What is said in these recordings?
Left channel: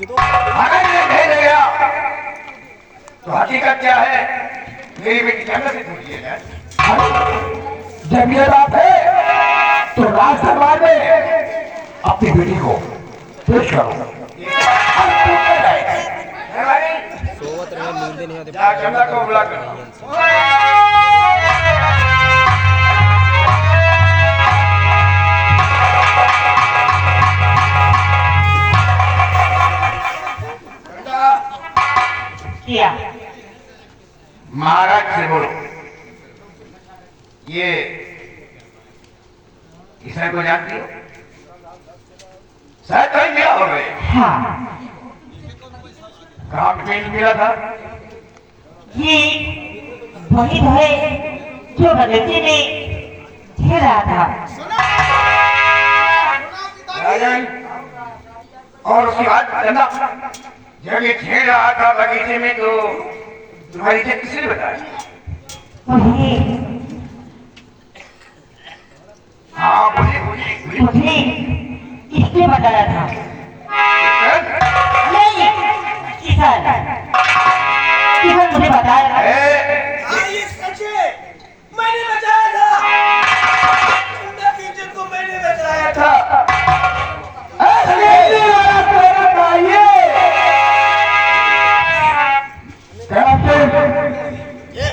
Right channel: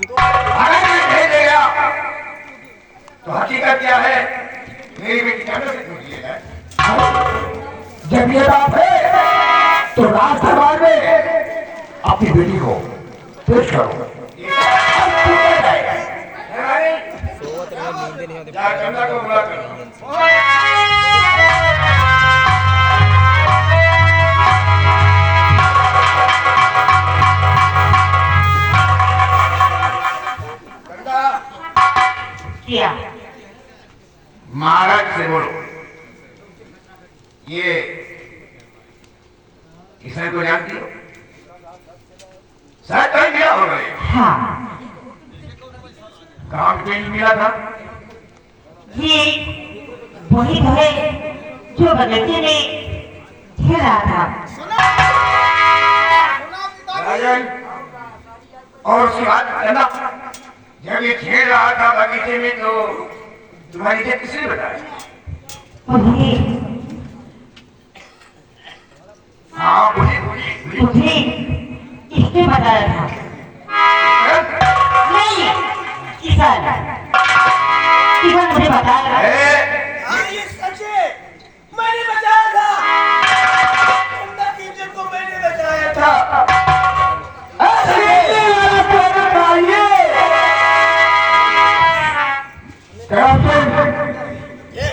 अगर ये भेज गया तो हकीकत क्या है? मेरी बेटी जंगल से छूट लिया जाए। जब ये बात है तो राज दरबार में अपनी बेटी को पेश करो। जा चंदा को बुला कर किया। महाराज से बोलो ये किसने को जानती हो? शायद कहीं गया हो गए। हाँ, काम पेंट मिला था। ये वही है जो बगीचे में खेल रहा था। राजन और उसकी बात चंदा, जब ये खेल रहा था बगीचे में तो तुम्हारी से किसने बताया? मुझे हाँ बोलिए बोलिए बोलिए। मुझे इसने बताया था। नहीं, किसान किसान मुझे बताया था। हाँ, ये सच है। मैंने बचाया था। चंदा टीचर को मैंने बचाया था। ये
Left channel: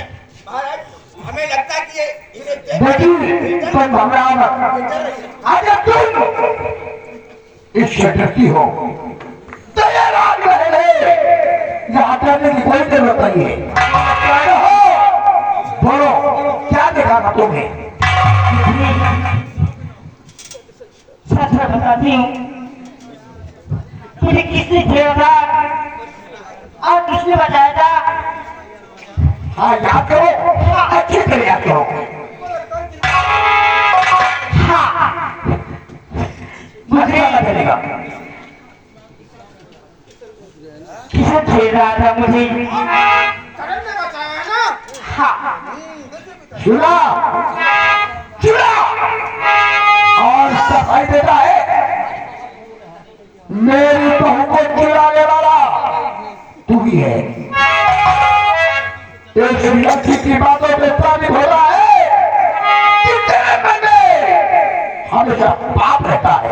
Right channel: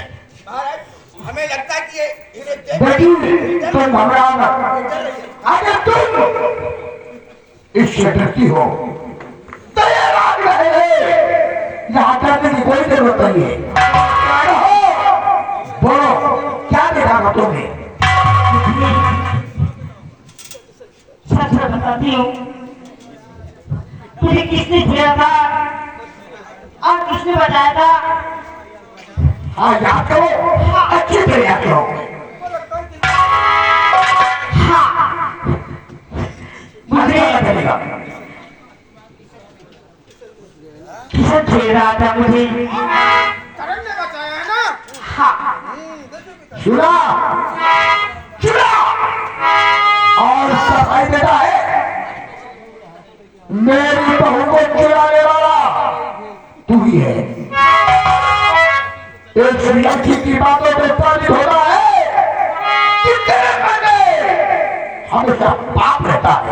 महाराज, हमें लगता है कि ये तुम घबराओ मत। अगर तुम इससे डरती हो तो ये रात रहे यहाँ करने की कोई जरूरत नहीं है। बोलो क्या देखा था तुमने? सच में बताती हूँ, मुझे किसने किया था और किसने बताया था? हाँ याद करो, अच्छी तरह याद करो। हाँ, मुझे पता चलेगा। किसान खेल रहा था मुझे। करण ने बचाया ना। हाँ, चूड़ा चूड़ा और सफाई देता है। मेरी बहू को चुराने वाला तू ही है। एक लड़की की बातों पे तारीफ हो रहा है कि तेरे मन में हमेशा पाप रहता है।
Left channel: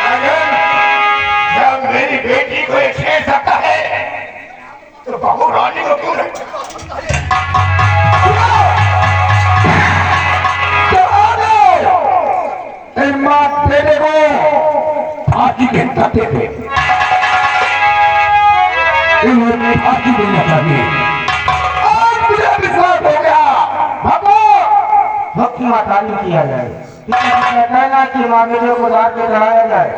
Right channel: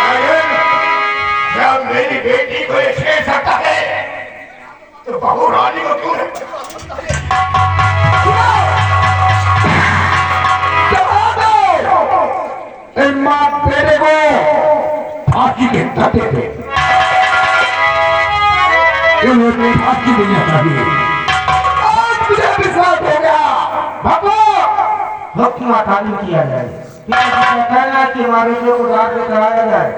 राजन, जब मेरी बेटी को ये छेड़ सकता है तो बहू रानी को क्यों नहीं? माँ बेटे को फांसी के धक्के पे इन्होंने फांसी देना चाहिए। आज मुझे विश्वास हो गया। भगवान हुक्म तालीम किया जाए। कहना कि मवेशियों को दांत में चढ़ाया जाए।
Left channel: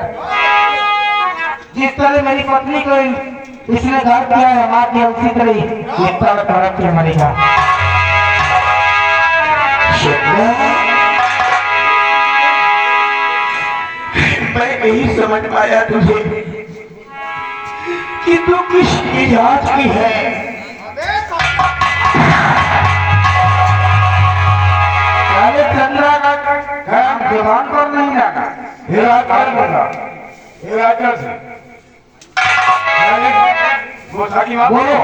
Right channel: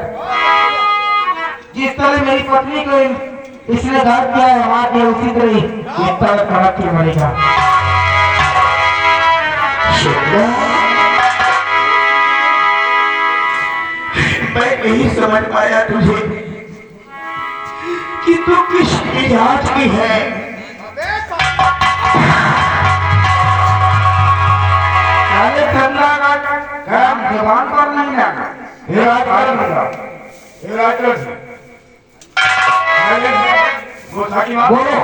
जिस तरह मेरी पत्नी को इसने दांत किया है हमारे लिए, उसी तरह ये तड़प तड़प के मरेगा। मैं नहीं समझ पाया तुझे कि तू किस मिजाज की है। पहले चंद्रा का काम जबान पर नहीं लगा। हिराचल बंदा, हिराचल से वो सकी बात बोलो।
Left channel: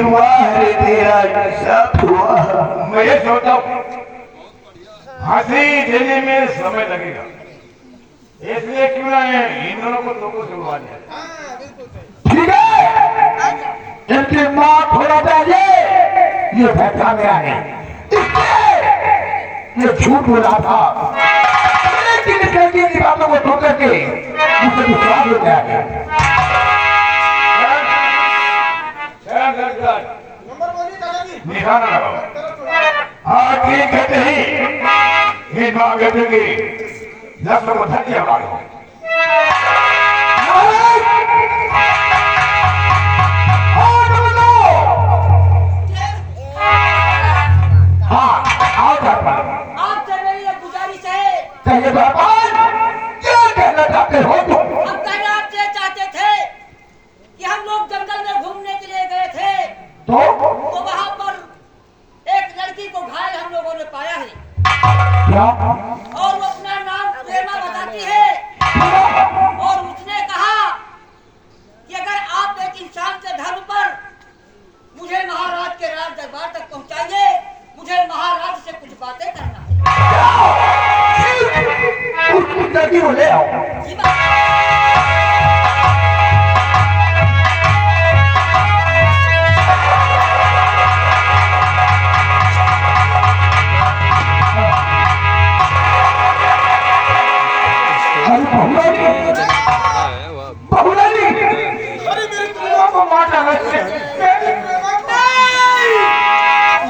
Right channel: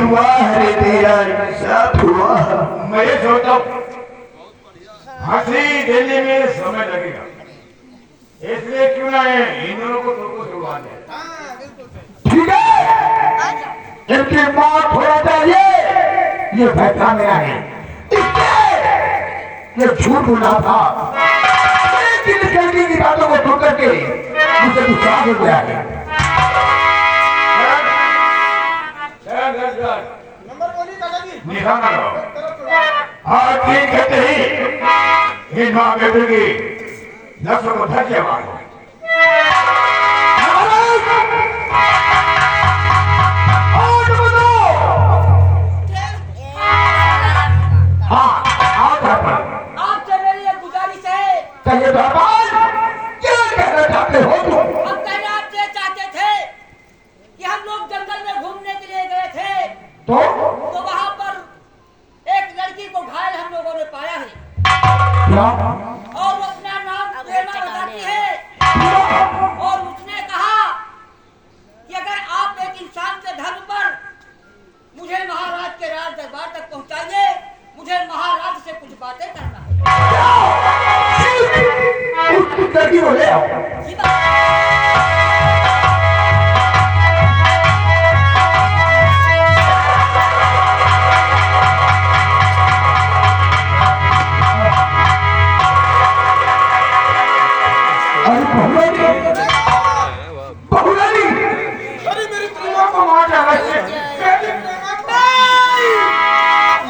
हुआ है तेरा साथ हुआ। मैं ये सोचता हूँ फांसी देने में समय लगेगा, इसलिए क्यों ना इन दोनों को दो को छुड़वा दिया। ठीक है, इनकी मौत होना चाहिए ये फैसला मेरा है। इसलिए ये झूठ बोला था। लेकिन कहने की बातों को सुन करके मुझे विश्वास हो गया है। नंबर बोलिए दादाजी। निशाना लगाओ। हाँ ठीक है, नहीं इन माँ बेटे की लफ्ज़ों को धक्के मारो। हाँ आओ घर पर। आपसे मेरी एक गुजारिश है। कहिए दरबार, क्या कहना चाहते हो तुम? हम कहना आपसे चाहते थे कि हम लोग जंगल में घूमने के लिए गए थे तो वहां पर एक लड़की को घायल हम लोगों ने पाया है क्या? और वो अपना नाम प्रेमा बताती है। लड़की को ले आओ। बहुरानी अरे मेरी प्रेमा को मार डाला है। मेरी प्रेमा को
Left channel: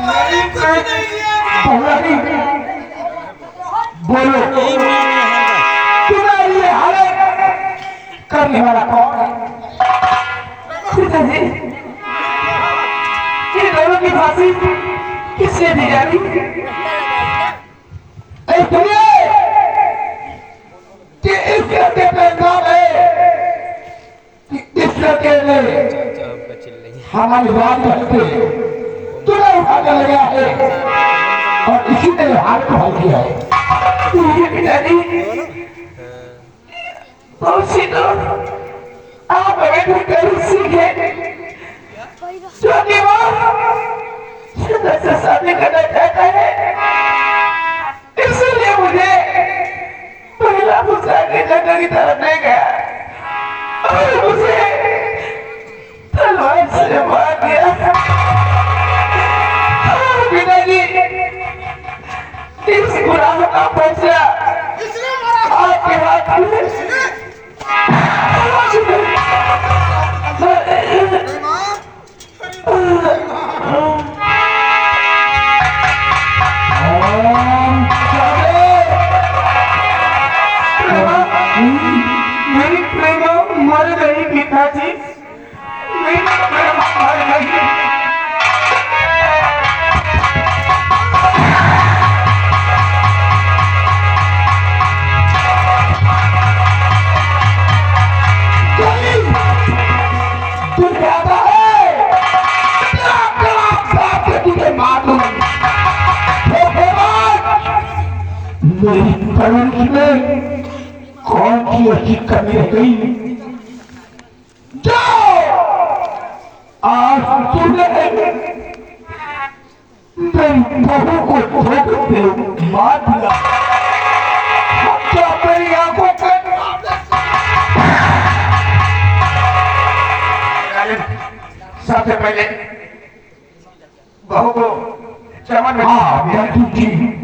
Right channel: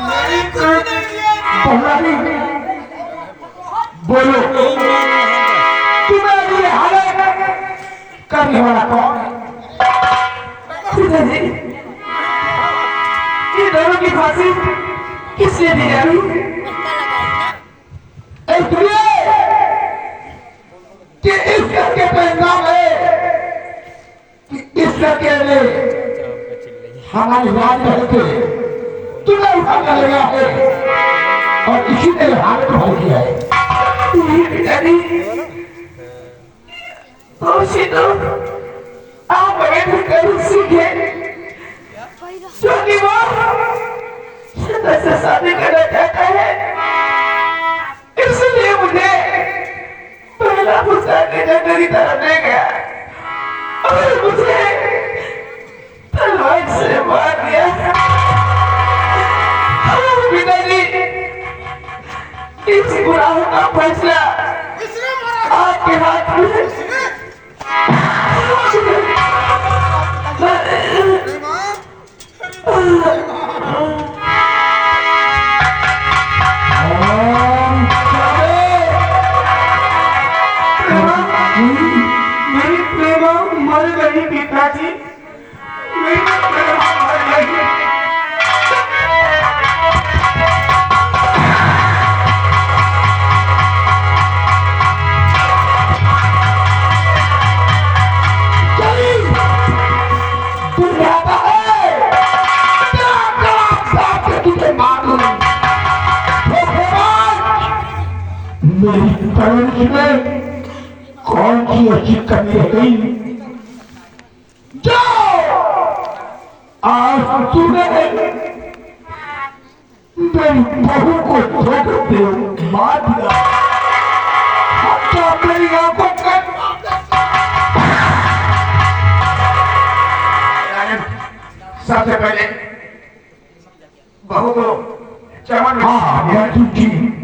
मेरी कुछ नहीं किया। बहुरानी बोलो तुम्हारी ये हालत करने वाला कौन है? पिताजी, ये दोनों की फांसी किसने दी जानी? ए दुनिया कि इस लड़के पे नाम है कि इस लड़के ने हमारी रात करके तुम्हें उठा कर लगा है और इसी ने हाथ को हल किया है। ये पिताजी, बहुत सी लोग आप हमें भी कहीं सीखे जो कि वो सदा से शादी करना चाहता है, इसलिए मुझे पहला पुरस्कार के जंगल की तरफ ले गया और मुझे तलवार से मार दिया। पिताजी, इस गुनाह का फैसला इसने मारा आपके हाथ में इसने प्रेमा मेरी प्रेमा मर गई पिताजी, मेरी प्रेमा मर गई। तू कहता है क्या कड़ा साथ में तुझे मारूं? मेरी परवरिश में कौन सी अच्छी कमी रह गई? जाओ आज तूने मेरी बहू को धोखे से मार दिया। क्या मेरी आंखों का सबसे पहले बहू को चमन में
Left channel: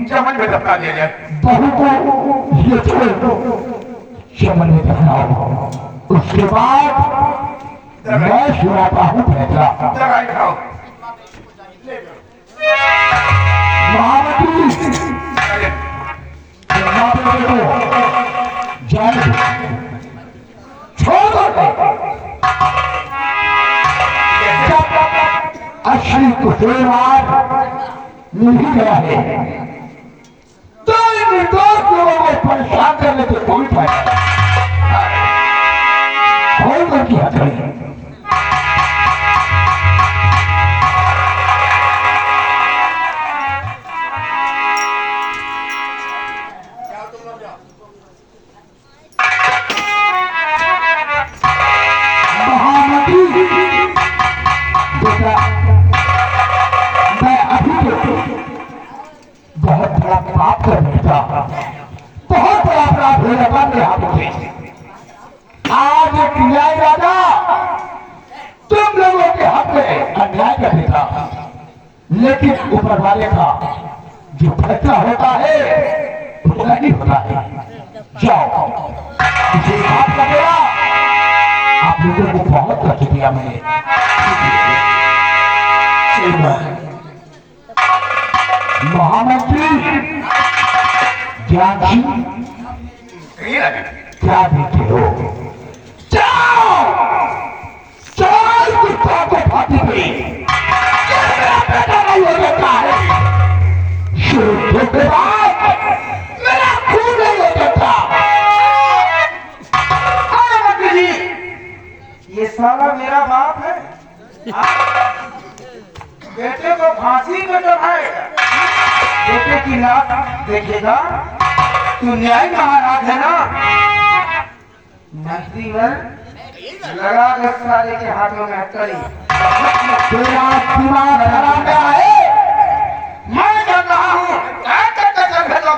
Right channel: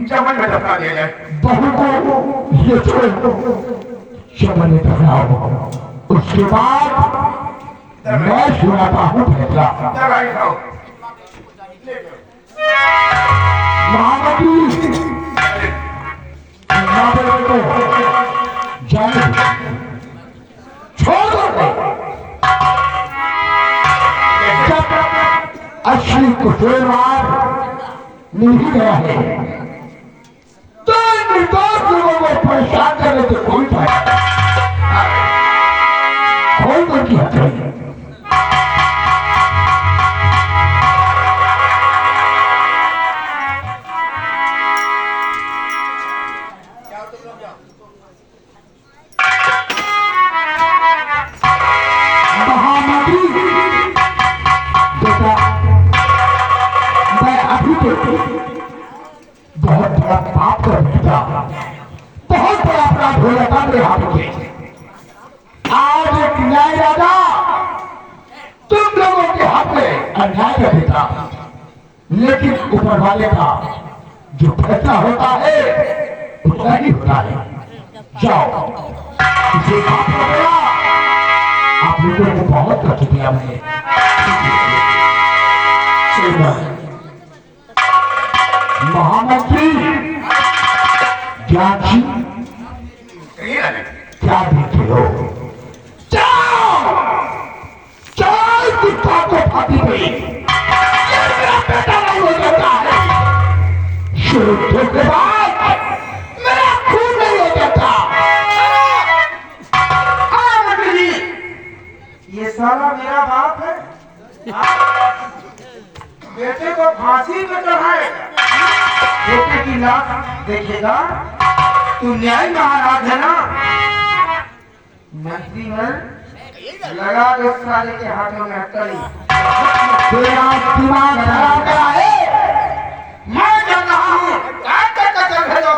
चमन में दफना दिया जाए। बहू को ये छोड़ चमन में दफनाओ, उसके बाद मैं सुनाता हूँ फैसला। दवाई खाओ। महामती महादेव को जाए छोड़ दो। असली कुशलवान मिल ही गया है तो निर्दोष लोगों को परेशान करने से कोई फायदा कौन उनकी हक है? बहुत बड़ा पाप कर बैठा, बहुत बड़ा अपराध हो जाता मेरे हाथों से। आज एक न्याय राजा तुम लोगों के हक में अन्याय कर देता, लेकिन ऊपर वाले का जो फैसला होता है उतना ही होता है। जाओ इसे माफ कर देना। आप लोगों को बहुत कष्ट दिया मैंने। महामंत्री ज्ञान क्या देखे हो? जाओ चाल कुत्ता को फांसी गई, मेरा बेटा नहीं हो सकता है। शुरू के बाद मेरा खून नहीं हो सकता। मंत्री जी, ये साला मेरा बाप है। बेटे को फांसी में चढ़ाएगा, बेटे की लाश देखेगा। तू न्याय महाराज है ना? मंत्री है, लगा दे साले के हाथों में हथकड़ी। तेरा दिमाग खराब है। मैं चल रहा हूँ। भेजो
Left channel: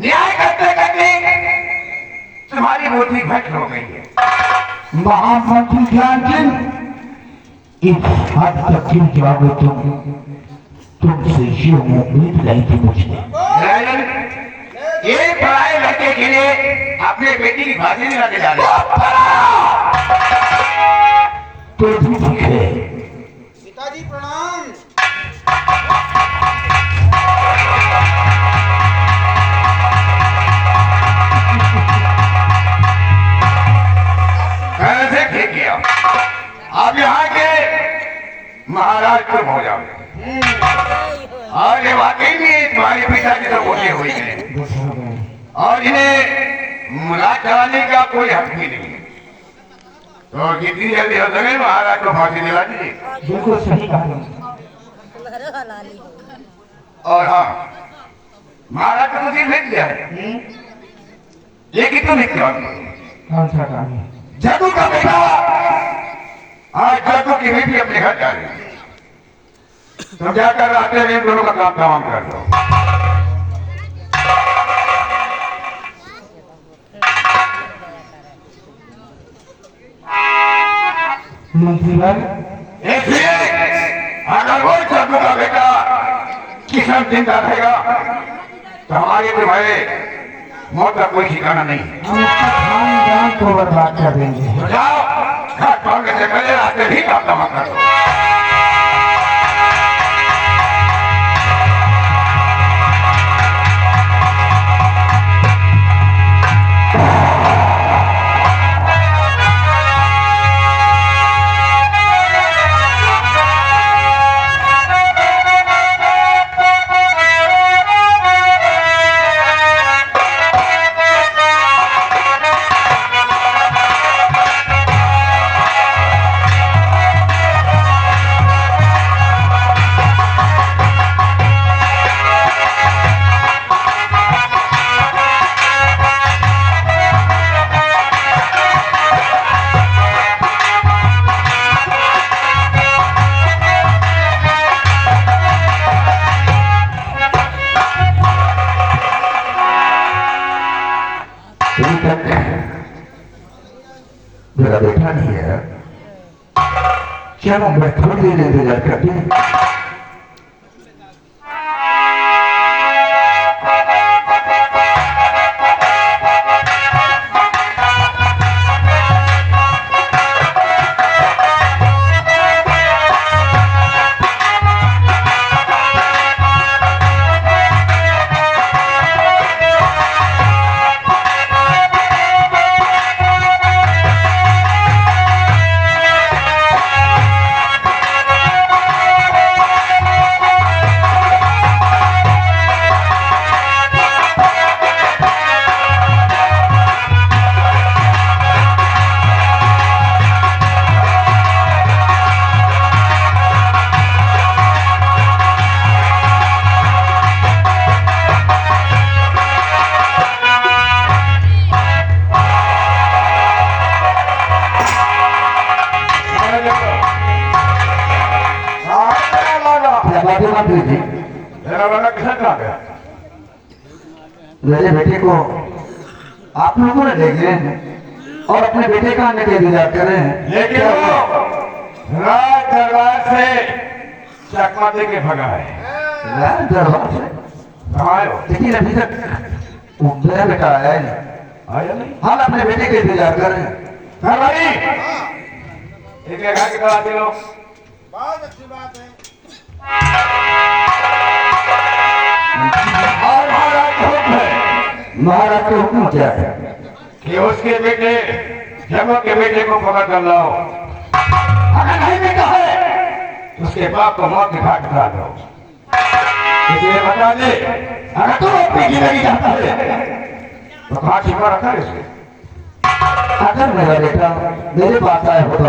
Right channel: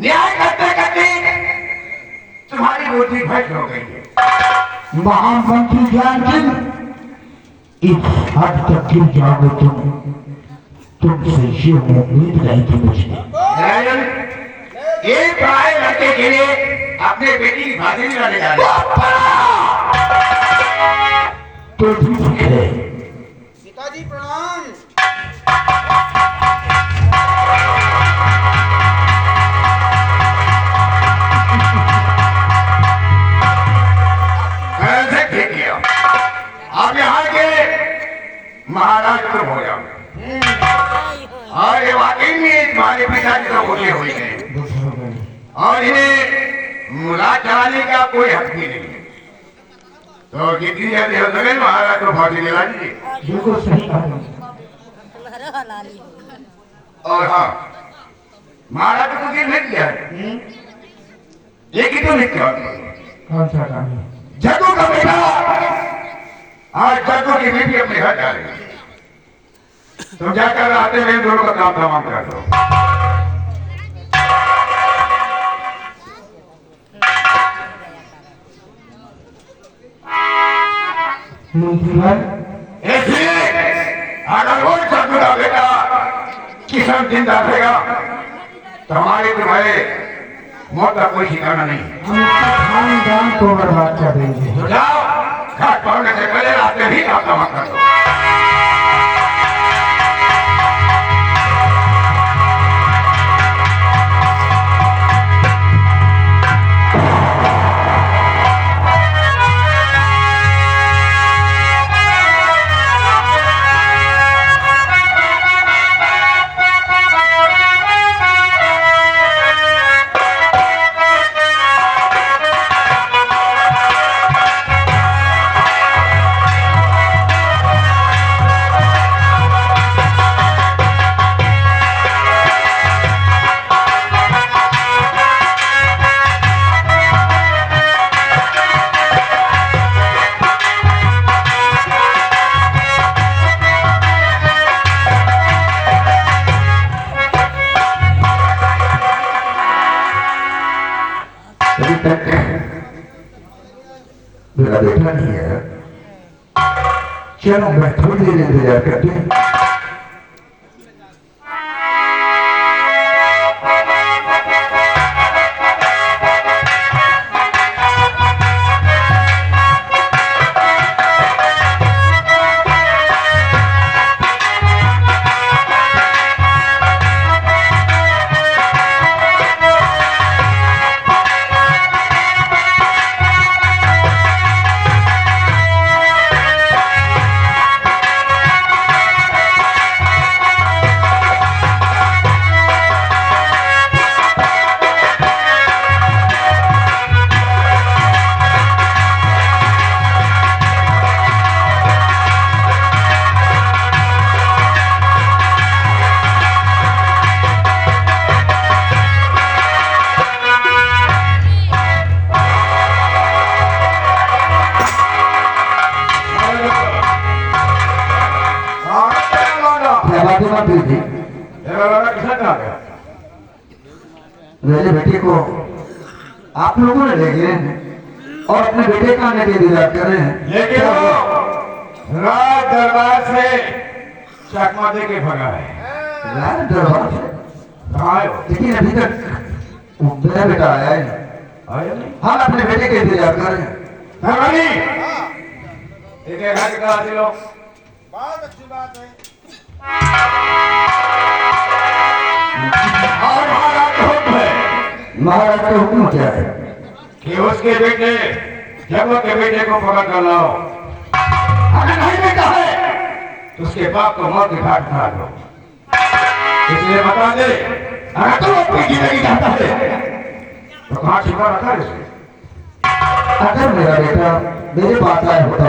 न्याय करते करते तुम्हारी बुद्धि भ्रष्ट हो गई है। महामंत्री ध्यानचंद, इस हद तक क्यों जाओगे तुमसे ये उम्मीद नहीं थी मुझे। राजन, ये पढ़ाए लड़के के लिए अपने बेटी की फांसी दिलाने जा रहे तो ठीक है। पिताजी प्रणाम। कैसे ठीक किया। आप यहाँ के महाराज तुम हो जाओगे और ये वाकई में तुम्हारे पिताजी तो होते हुए गए और इन्हें राज चलाने का कोई हक भी नहीं है। तो जितनी जल्दी हो सके महाराज को फांसी दिला दीजिए। बिल्कुल सही कहा। और हाँ, महाराज को तो जेल भेज दिया है, लेकिन तुम्हें क्या कौन सा काम है? जग्गू का बेटा आज जग्गू की बीवी अपने घर जा रही है। तुम जाकर आते हुए दोनों का काम तमाम कर दो। मंत्री भाई, इसलिए अगर वो जग्गू का बेटा किसान जिंदा रहेगा तो हमारे तुम्हारे मौत का कोई ठिकाना नहीं है। हम खानदान को बर्बाद कर देंगे। तो जाओ, घर छोड़ने से पहले रात में ही काम तमाम कर दो। अभी तक मेरा बेटा नहीं है। चलो मैं थोड़ी देर इंतजार करती हूँ। मंत्री जी, मेरा लड़का किसान कहाँ गया? मेरे बेटे को आप लोगों ने ले गए और अपने बेटे का आने के इंतजार कर रहे हैं। लेकिन वो राज दरबार से चकमा दे के भगा है। राज दरबार से? कहाँ है वो? लेकिन अभी तक वो मेरा बेटा आया ही नहीं। आया नहीं? हम अपने बेटे के इंतजार कर रहे हैं। सरवरी, इनके घर की तरह दे लो। बहुत अच्छी बात है। और महाराज का हुक्म है महाराज के हुक्म क्या है? कि उसके बेटे जगह के बेटे को पकड़ कर लाओ। अगर नहीं बेटा है तो उसके बाप को मौत के घाट उतार दो। इसलिए बता दे, अगर तू अपनी जिंदगी चाहता है तो कहाँ छिपा रखा है इसको? अगर मेरा बेटा मेरे पास आया होता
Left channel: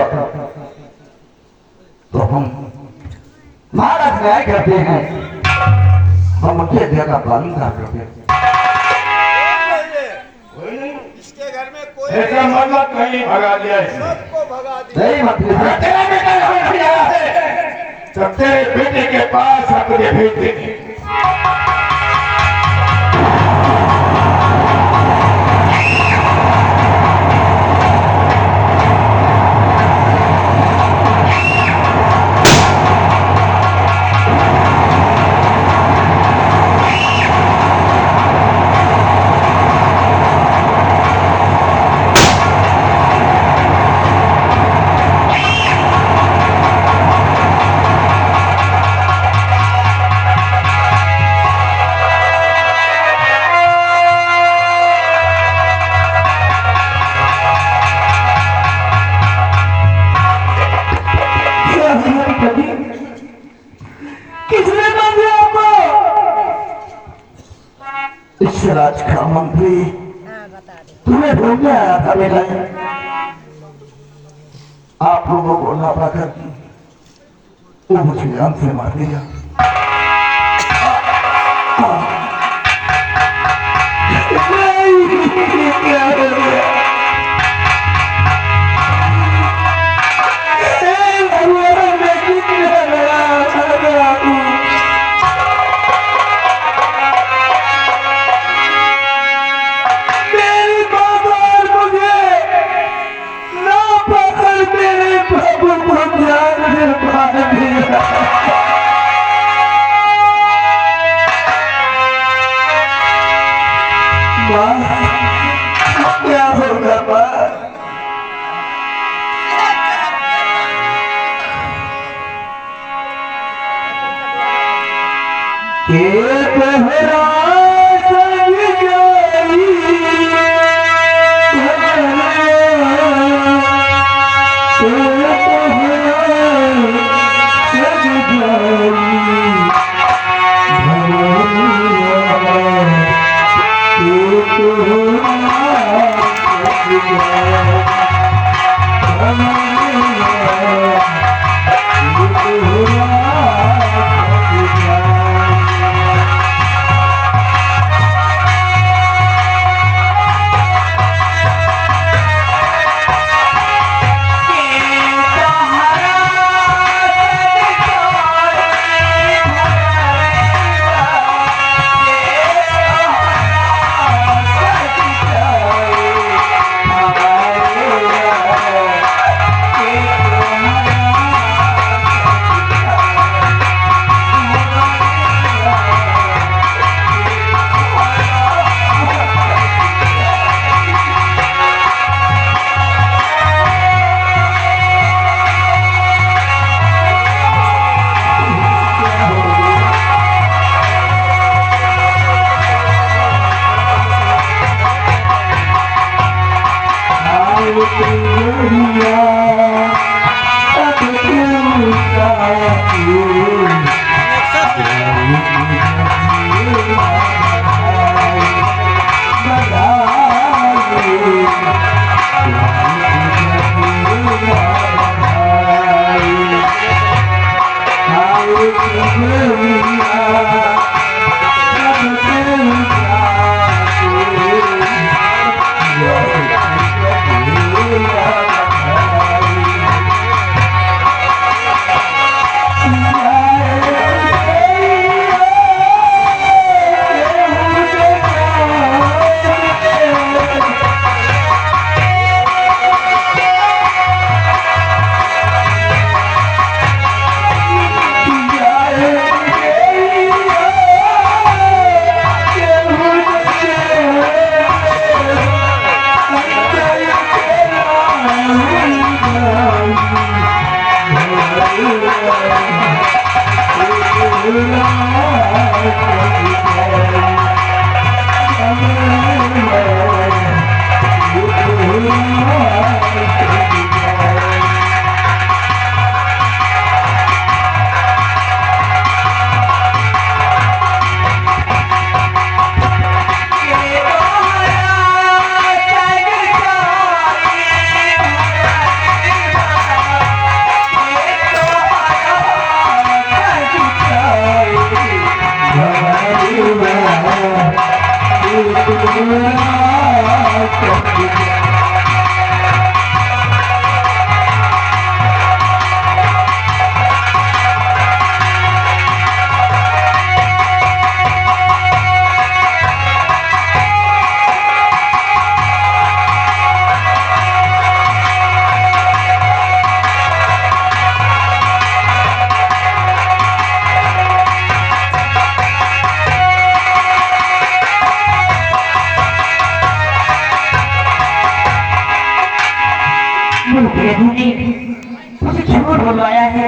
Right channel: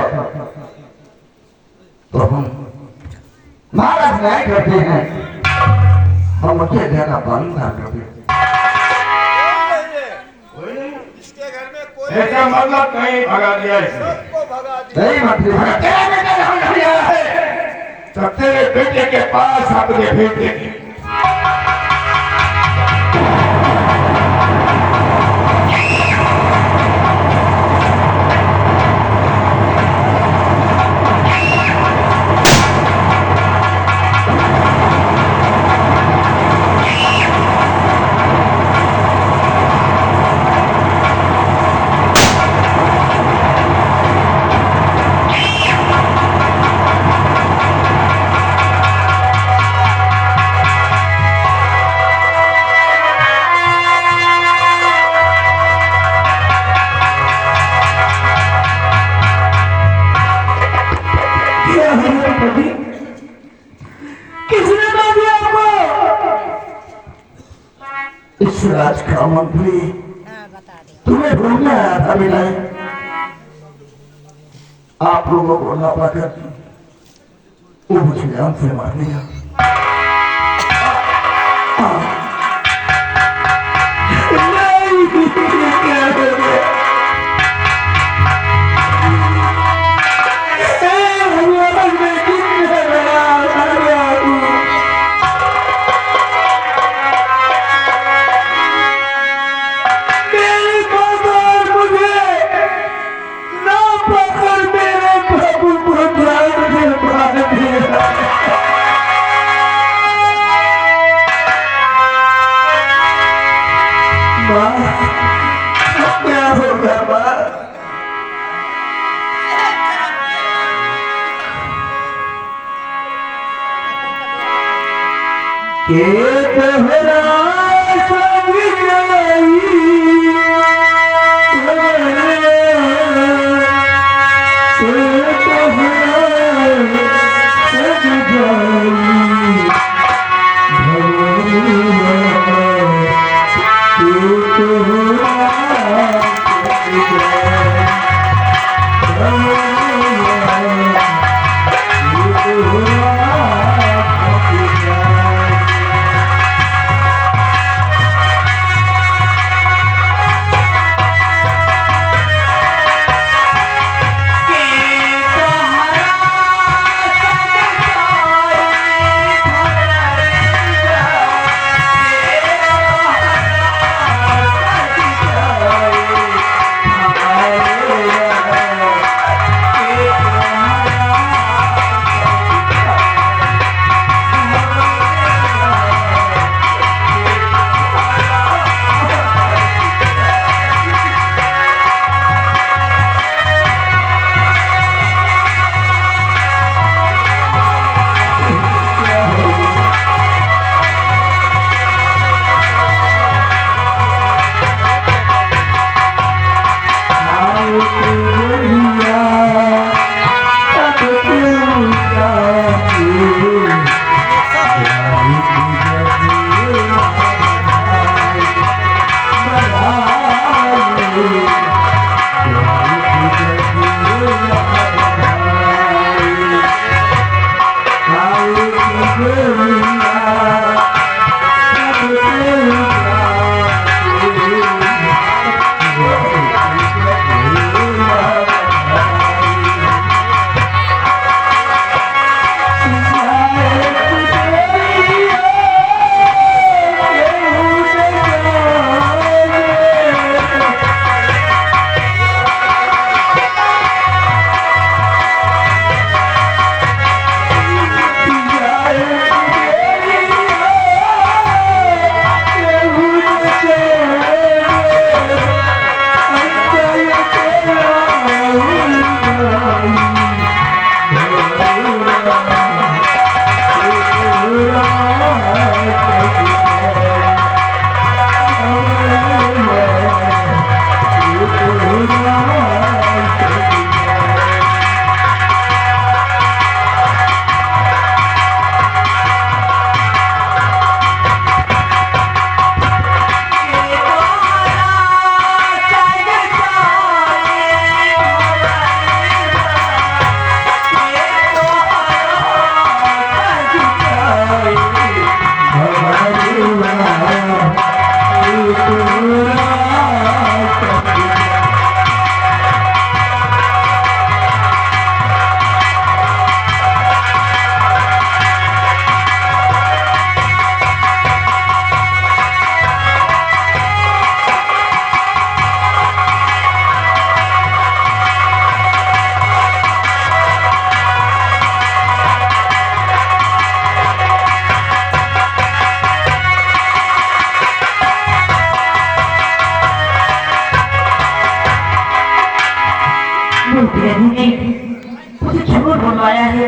तो हम महाराज न्याय करते हैं, हम उनके आज्ञा का पालन करते हैं। इसके घर में कोई इसका मतलब कहीं भगा दिया इसने। सबको भगा दिया। जय मंत्री अगर तेरा बेटा यहाँ नहीं आया है तो तेरे बेटे के पास अपने भेज देंगे। इस राज का मंत्री हाँ बता दे। तुम्हें ढूंढने आया था मेरा, आप लोगों को ना पाकर वो मुझे जान से मार दिया। क्या होगा माँ? मुझे झूठ बुलवाया है।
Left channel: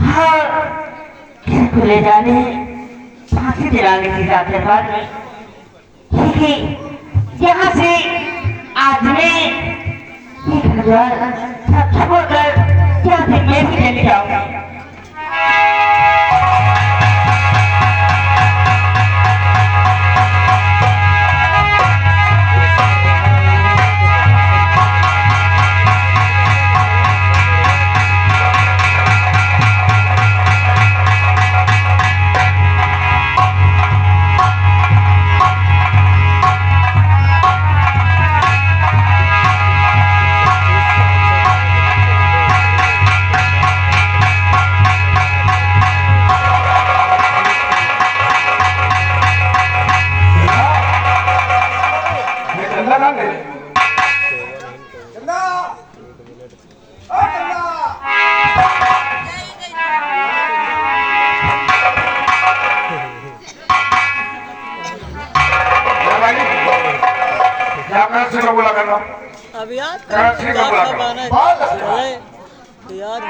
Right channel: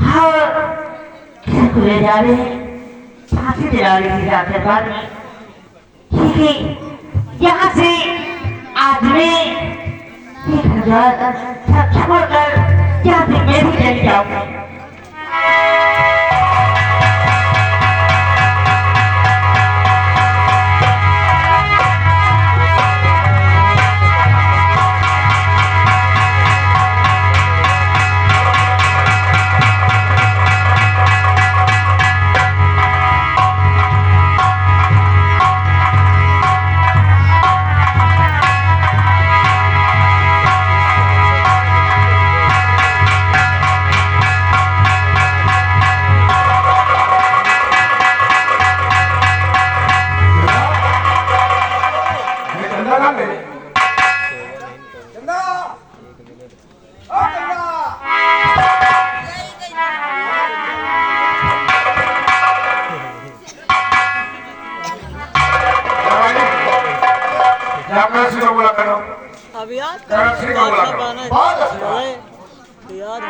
हाँ, किसी को ले जाने फांसी दिलाने की जाते पर यहाँ से आज मैं 1000 छोड़कर यहाँ से मैं भी चली जाऊंगा। बोला ना मेरे चंदा ओ चंदा जाकर से बोला कर रहा हूँ अब याद कर से बोला कर रहा हूँ बहुत याद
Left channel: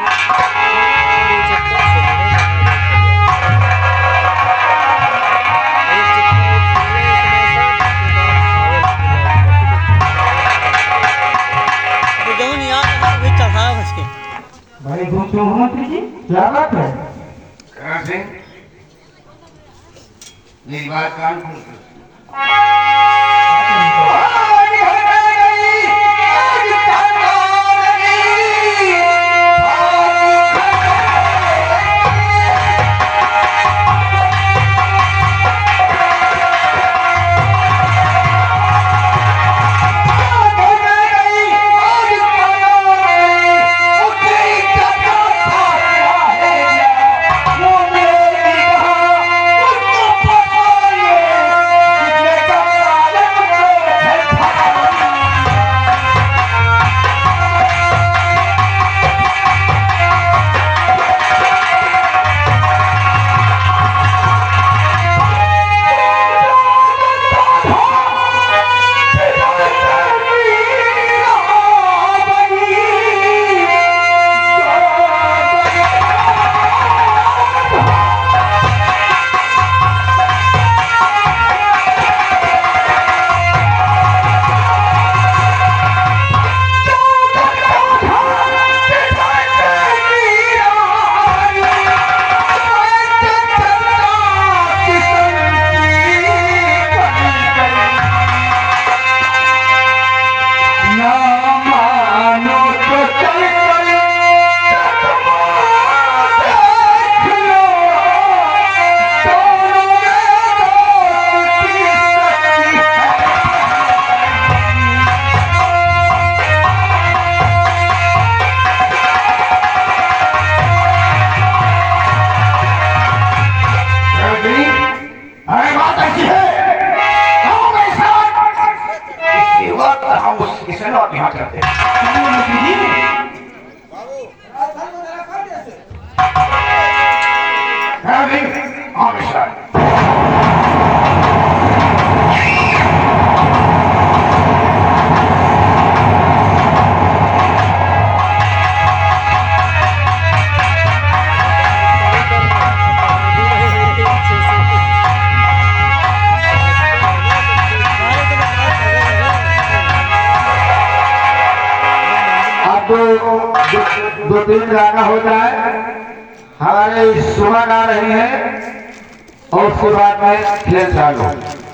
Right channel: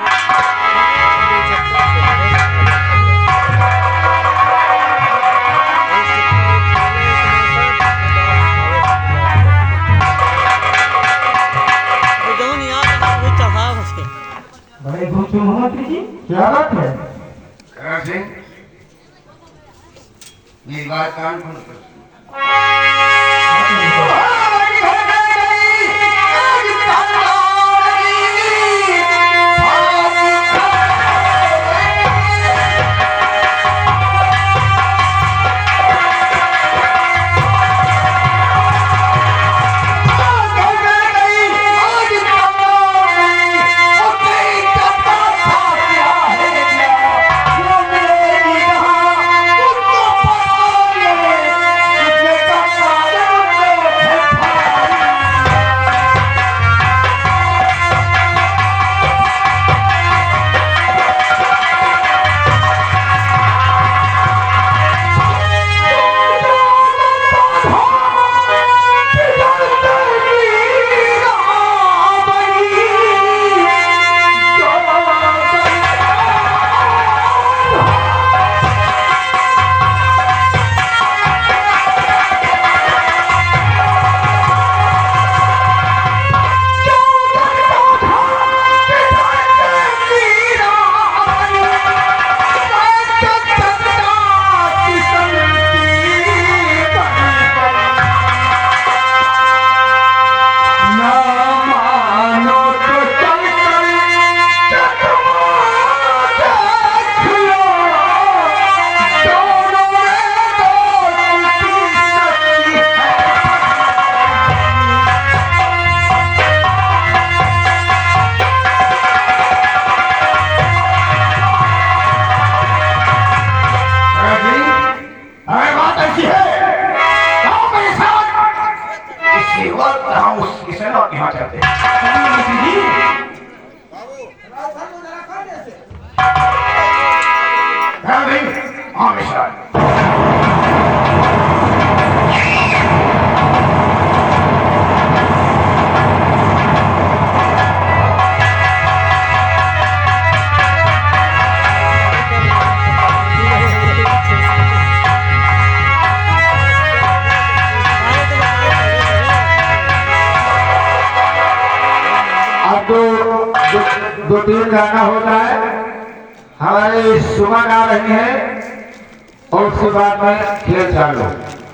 बड़े दूर से मोहम्मद जी क्या बात है? करण सिंह मेरी बात कान खोल कर हम उसके लौट यहाँ करते हैं हमेशा दो तीन गाना हो रहा है, हमारे सुमन आ रही है और उसके बाद में खेल चालू।